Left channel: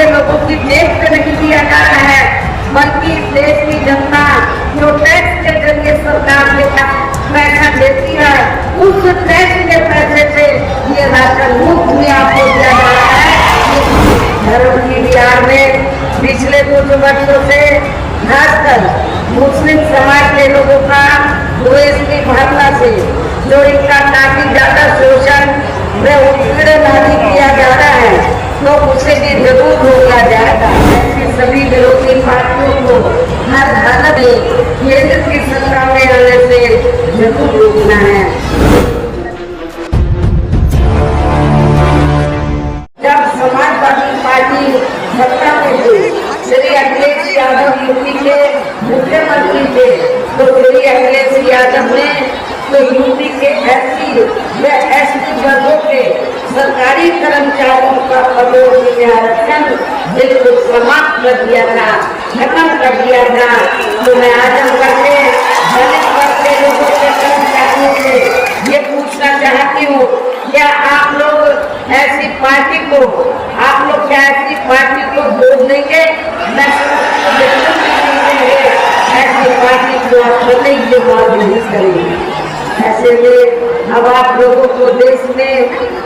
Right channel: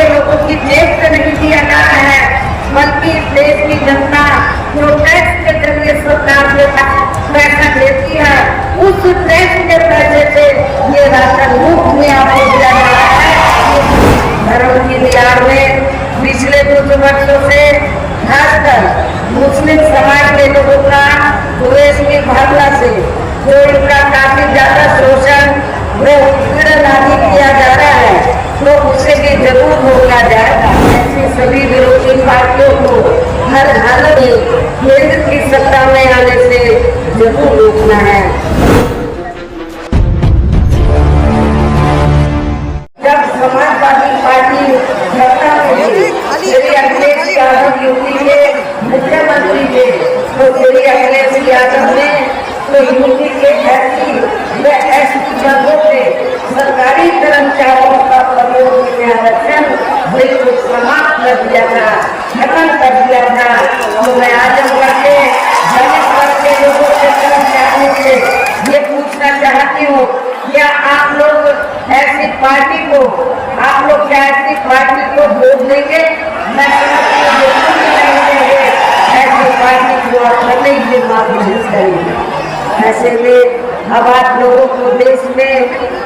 के लोगों की जेब से नहीं दिया जा रहा है, बल्कि देश की जनता जो टैक्स के जरिए सरकार को पैसा देती है, उस टैक्स के पैसे से ये राशन मुफ्त में आपको दिया जा रहा है। धर्म की बिहार में पिछले कुछ वर्षों से खासकर मुस्लिम समाज के लोगों का देश की भावना से जो इनका काफी ज्यादा शोषण किया जा रहा है, तो उससे भी जरूर हो गया जाए। ऐसे सभी विरोधी पार्टियों को हर हाल में केंद्र की सत्ता में आने से जरूर रोकना है। जब समाजवादी पार्टी सत्ता में मेरे अखिलेश यादव यूपी के मुख्यमंत्री थे, तो मेरे अखिलेश यादव ने तो यूपी के सरकारी कर्मचारियों का पदों में आरक्षण बिल्कुल समाप्त कर दिया था, खत्म कर दिया था। तो मैं आज ये पूछना चाहती हूँ, क्या आप लोग ऐसी पार्टी को, आप लोग क्या ऐसी पार्टी को वोट देंगे? ऐसी पार्टी को कभी नहीं करेंगे। ऐसे में अब आप लोगों को देश में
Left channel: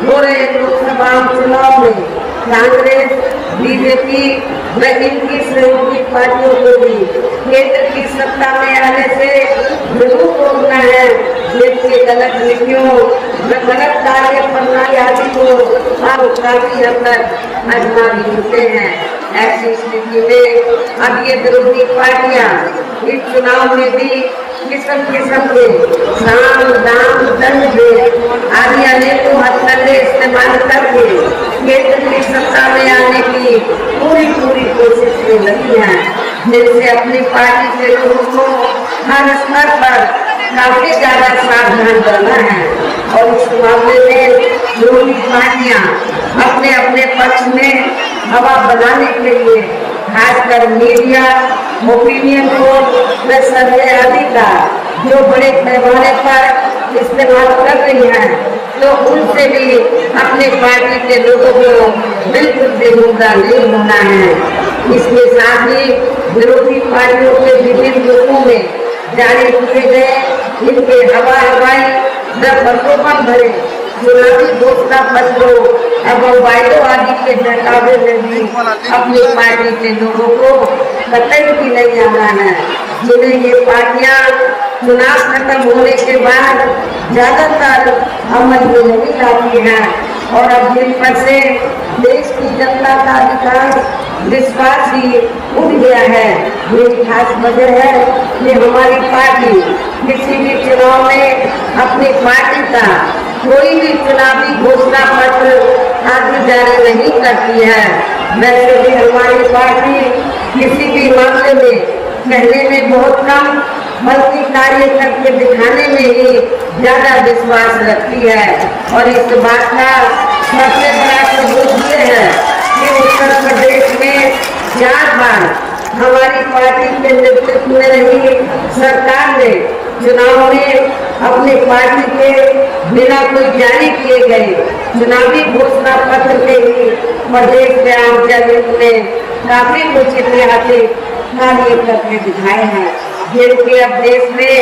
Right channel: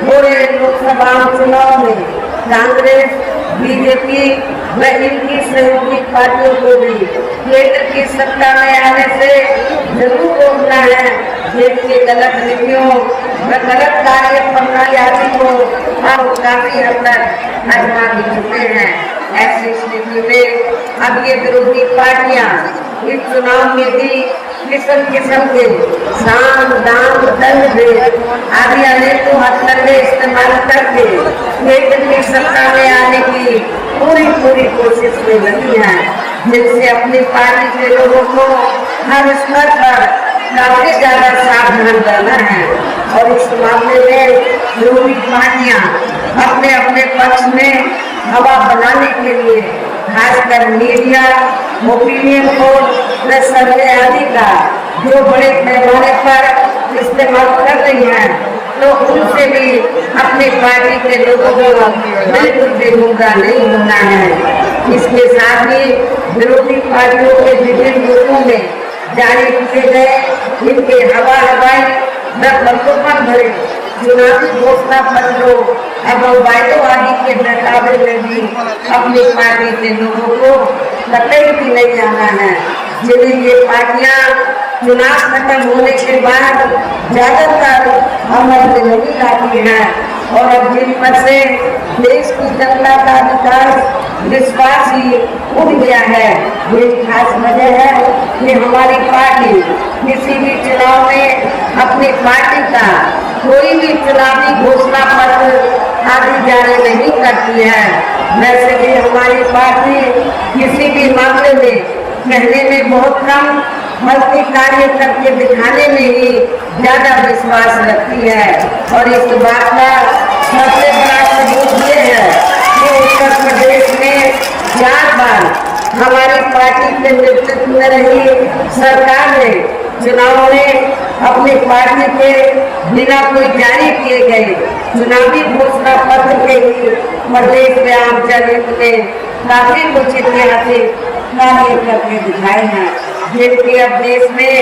हो रहे लोकसभा चुनाव में कांग्रेस, बीजेपी व इनकी सहयोगी पार्टियों को भी केंद्र की सत्ता में आने से जरूर रोकना है। देश की गलत नीतियों व गलत कार्य प्रणाली आदि को अब काफी हद तक आजमा चुके हैं। ऐसी स्थिति में अब ये विरोधी पार्टियां इस चुनाव में भी किस्म किस्म के साम दाम दंड आदि अनेक मतलब में इस्तेमाल करके केंद्र की सत्ता में आने की पूरी कोशिश कर रही है, जिससे अपनी पार्टी के लोगों को हर स्तर पर काफी ज्यादा सावधान रहना है। और इस मामले में विरोधी पार्टियां अपने अपने पक्ष में हवा बनाने के लिए खासकर मीडिया, ओपिनियन पोल, सर्वे आदि का जो बड़े पैमाने पर इस्तेमाल कर रही है, तो उनसे भी अपनी पार्टी के लोगों को बिल्कुल बेमुद्दा नहीं होना है। इसके साथ ही विरोधी पार्टियों के विभिन्न लोगों में जारी किए गए इनके हवाई न भरे चुनावी घोषणा पत्रों एवं वायदेबाजी के नकाबे में भी अपनी पार्टी के लोगों को कतई भी नहीं जाना है, जिन्हें ये पार्टियां चुनाव खत्म होने के बाद ज्यादातर अमल में नहीं आती है। और अब जिन पर से देश की जनता का विश्वास ही उठ गया है, ये खास वजह है कि हमारी पार्टी किसी भी चुनाव में अपनी पार्टी का कोई भी चुनावी घोषणा पत्र आगे जारी नहीं करती है। वैसे भी हमारी पार्टी किसी भी मामले में कहने में बहुत कम बल्कि कार्य करके दिखाने में ही ज्यादा विश्वास रखती है। और इस बात का सबसे बड़ा सबूत ये है कि उत्तर प्रदेश में 4 बार हमारी पार्टी के नेतृत्व में रही सरकार ने चुनाव में अपनी पार्टी के बिना कोई जारी किए गए चुनावी घोषणा पत्र के ही प्रदेश के आम जनता ने काफी उचित कार्य करके दिखाए हैं, जिनके अब देश में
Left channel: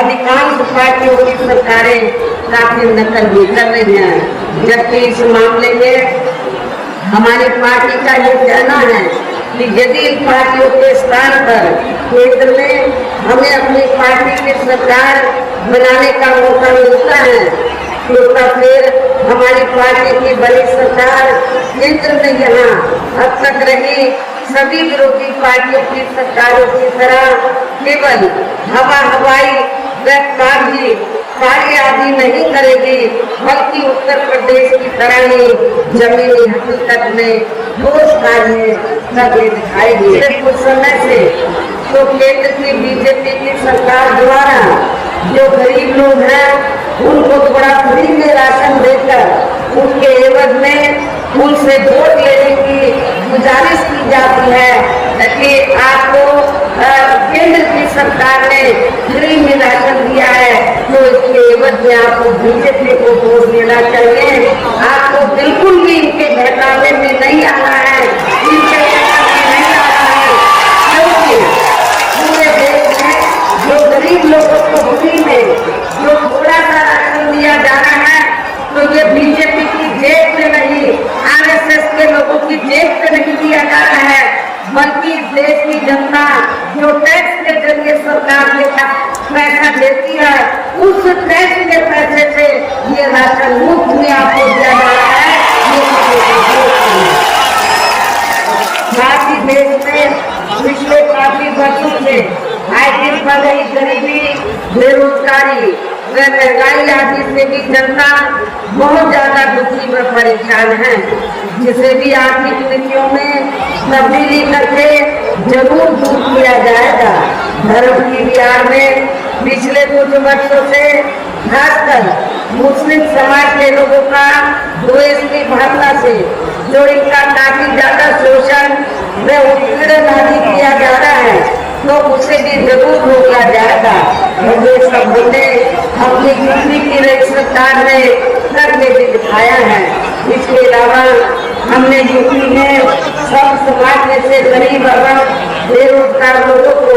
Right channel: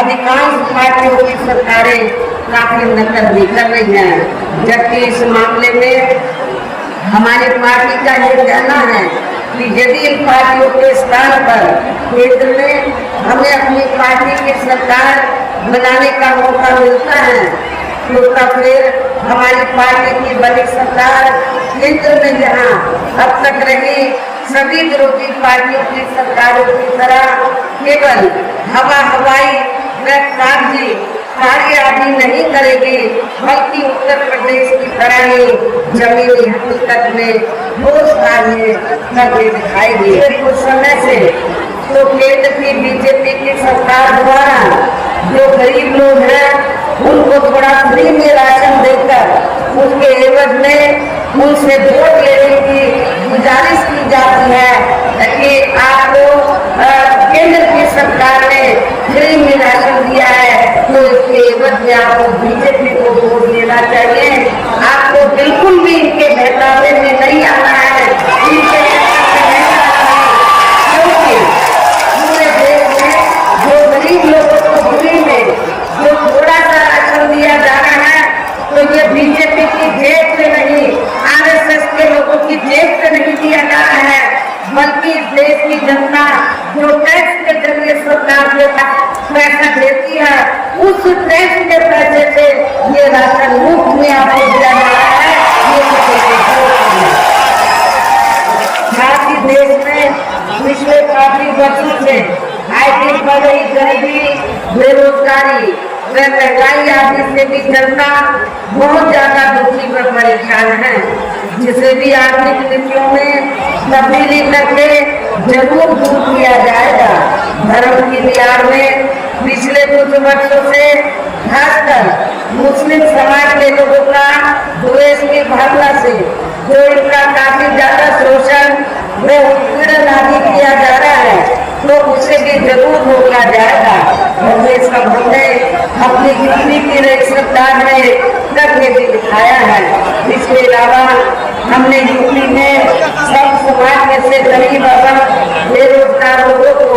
अधिकांश पार्टियों की सरकारें काफी नकल भी कर रही हैं। जबकि इस मामले में हमारी पार्टी का यह कहना है कि यदि इन पार्टियों के स्थान पर केंद्र में हमें अपनी पार्टी की सरकार बनाने का मौका मिलता है, तो फिर हमारी पार्टी की बड़ी सरकार केंद्र में यहाँ अब तक रही सभी विरोधी पार्टियों की सरकारों की तरह केवल हवाई कार्य आदि नहीं करेगी, बल्कि उत्तर प्रदेश की तरह ही जमीनी हकीकत में ठोस कार्य करके दिखाएगी। कुछ समय से तो केंद्र की बीजेपी की सरकार द्वारा जो गरीब लोग हैं उनको फ्री में राशन देकर उनके एवज में उनसे वोट लेने की गुजारिश की जाती है कि आपको केंद्र की सरकार ने फ्री में राशन दिया है, तो इसके एवज में आपको बीजेपी को वोट देना चाहिए। आपको बिल्कुल भी इनके घटाने में नहीं आना है। नहीं दिया जा रहा है, बल्कि देश की जनता जो टैक्स के जरिए सरकार को पैसा देती है, उस टैक्स के पैसे से ये राशन मुफ्त में आपको दिया जा रहा है। देश में पिछले काफी वर्षों से गरीबी, बेरोजगारी व महंगाई आदि से भी जनता बहुत ज्यादा दुखी में परेशान है, जिसे भी आर्थिक नीतियों में तब्दीली करके जरूर दूर किया जाएगा। धर्म की बिहार में पिछले कुछ वर्षों से खासकर मुस्लिम समाज के लोगों का देश की भावना से जो इनका काफी ज्यादा शोषण व उत्पीड़न आदि किया जा रहा है, तो उसे भी जरूर किया जाएगा। कांग्रेस का बोले अपनी कितनी की नई सरकार ने करके भी दिखाया है। इसके अलावा हमने यूपी में सब समाज से गरीब बेरोजगार लोगों को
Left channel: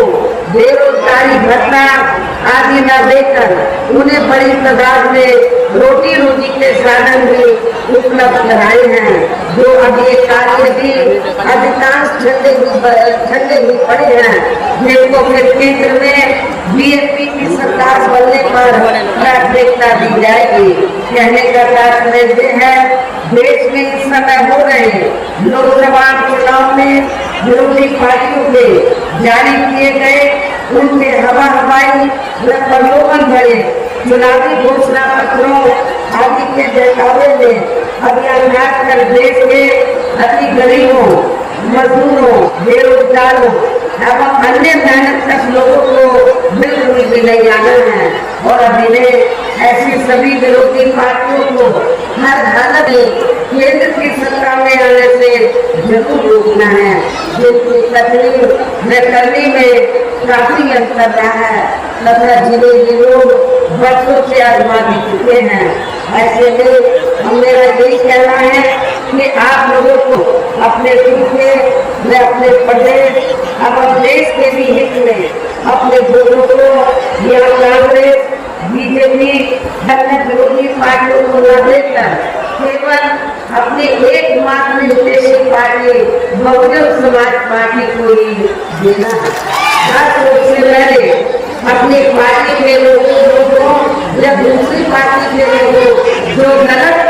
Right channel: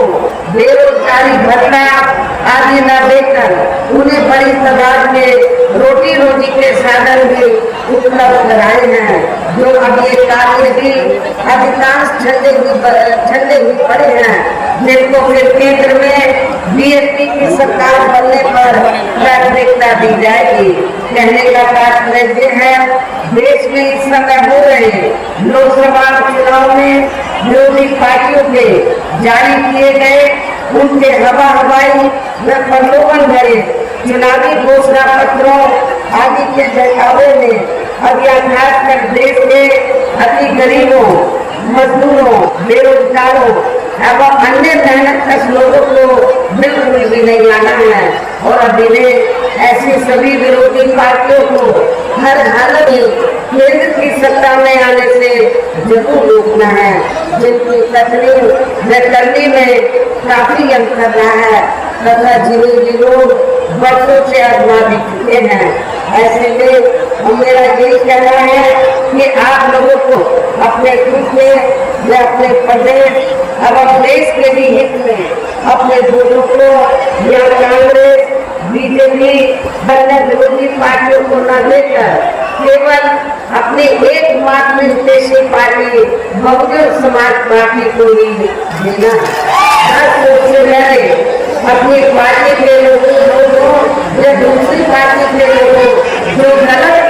बेरोजगारी भत्ता आदि न देकर उन्हें बड़ी तादाद में रोटी के साधन भी उपलब्ध कराए हैं, जो अभी कार्य भी अधिकांश ठंडे भी पड़े हैं, जिनको फिर केंद्र में बीएसपी की सरकार बनने पर प्राथमिकता दी जाएगी। कहने का तात्पर्य है, देश में इस समय हो रहे लोकसभा चुनाव में विरोधी पार्टियों के जारी किए गए उनके हवाई प्रलोभन भरे चुनावी घोषणा पत्रों आदि के जरिए में अब यह खासकर देश के अति गरीबों, मजदूरों, बेरोजगारों एवं अन्य मेहनत लोगों को बिल्कुल भी नहीं आना है, और अभी ऐसी सभी विरोधी पार्टियों को हर हालत में केंद्र की सत्ता में आने से जरूर रोकना है, जिनकी करने में काफी अंतर रहा है तथा जिन्हें लोग वर्षों से आजमा भी चुके हैं। ऐसे में मेरा यही कहना है कि आप लोगों को अपने हित में या अपने प्रदेश और देश के भी हित में अपने लोगों को कांग्रेस, बीजेपी जैसे विरोधी पार्टियों को न देकर केवल अपनी एकमात्र उद्देश्य पार्टी बहुजन समाज पार्टी को ही देना। अपनी पार्टी के लोगों को या दूसरी पार्टी के लोगों जो गलत